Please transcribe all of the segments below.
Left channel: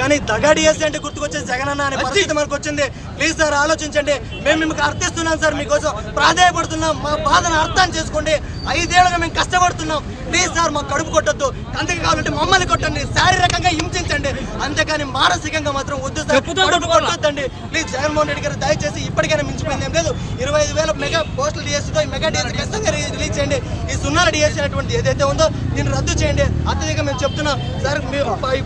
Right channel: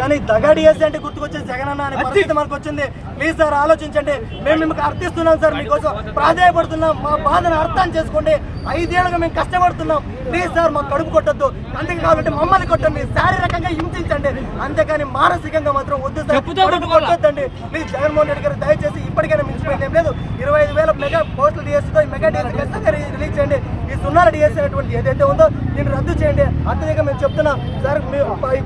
కానీ దగా డిఎస్సీ అంటే గుర్తుకొచ్చేది జగన్ అన్న అనే పరిస్థితి మనకు వచ్చింది. ప్లీజ్ సార్ ఆలోచించండి. మేము మీకు అర్థిస్తున్నాం సార్ మీకోసం. ప్రాధాయపడుతున్నాం. మా బాధను అర్థం చేసుకోండి. ఐదేళ్ళుగా మేము కష్టపడుతున్నాం. ప్లీజ్ సార్ మాకు కడుపు కొట్టొద్దు. అందుకే కావాలంటే మమ్మల్ని కొట్టండి. శారీరకంగా హింసించండి అంతేకాని మానసికంగా మాత్రం వద్దు కొట్టొద్దండి ప్లీజ్ జగన్మోహన్ రెడ్డి గారు దయచేసి ఇప్పటికైనా మించిపోయింది ఏం లేదు. ఇరవై ఐదు వేల మెగా పోస్టులు డిఎస్సీతో ఈ మెగా డిఎస్సీ ఖచ్చితంగా రిలీజ్ చేయండి. ఈ సున్నాల డిఎస్సీ అనేటువంటి ఏదైతే ఉందో దీన్ని రద్దు చేయండి. అత్యధికంగా మేము చెప్తున్నాం. సార్ మీ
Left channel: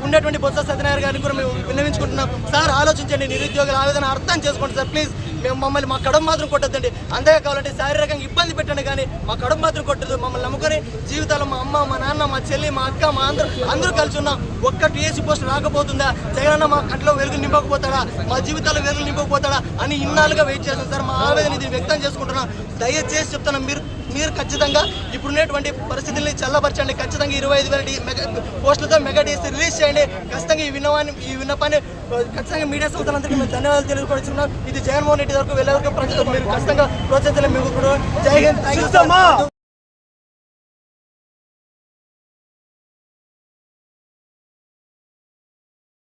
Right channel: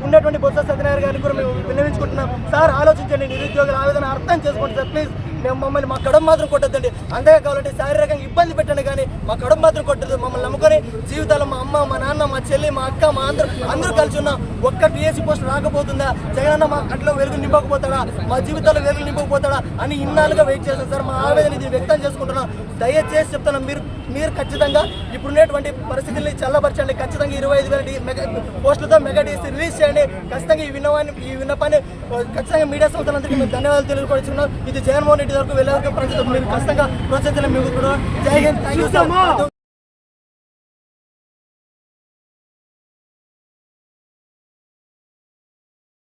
ఉండేటువంటి బొత్స సత్యనారాయణ గారిని కూడా మేము విన్నవించుకుంటున్నాం. సార్ ఆలోచించండి. నిరుద్యోగుల ఆవేదన అర్థం చేసుకోండి సార్. ప్లీజ్. మేము మమ్మల్ని మా కడుపు మాత్రం కొట్టద్దండి. అంతే కావాలంటే శారీరకంగా ఇబ్బంది పెట్టండి కానీ మా కడుపు మాత్రం కొట్టదు మమ్మల్ని నమ్ముకొని జీవితాలు మా అమ్మ మా నాన్న మా చెల్లి మా అక్క మా అందరూ అందరూ కలిసి ఉన్నాం ఒక్క టీఎస్సీ పోస్ట్ రాకపోతుందా? జగనన్న మా కట్లో వెలుగు నింపకపోతాడా? మా జీవితాల్లో వెలుగు నింపకపోతాడా? అని ఇన్నాళ్ళుగా వెయిట్ చేస్తాం సార్ మా ఆవేదన ఇది వ్యక్తం చేసుకుంటున్నాం. దయచేసి చెప్తున్నాం మీరు మీరు ఖచ్చితంగా ఇప్పుడున్నటువంటి పరిస్థితుల్ని చల్లబరచండి. ఖచ్చితంగా ఇరవై ఐదు వేల మెగా పోస్టులతో మెగా డీసీ రిలీజ్ చేయండి. ఖచ్చితంగా ఈ విన్నవాన్ని ఈ విన్నపాన్ని ఖచ్చితంగా మీడియా సంస్థలందరికీ మేము ధన్యవాదాలు తెలియపరుచున్నాం ఇది జగన్మోహన్ రెడ్డి వరకు వెళ్ళే వరకు ప్రజలు మీరు ఖచ్చితంగా ప్రోత్సహించాలని మేము కూడా జై హింద్.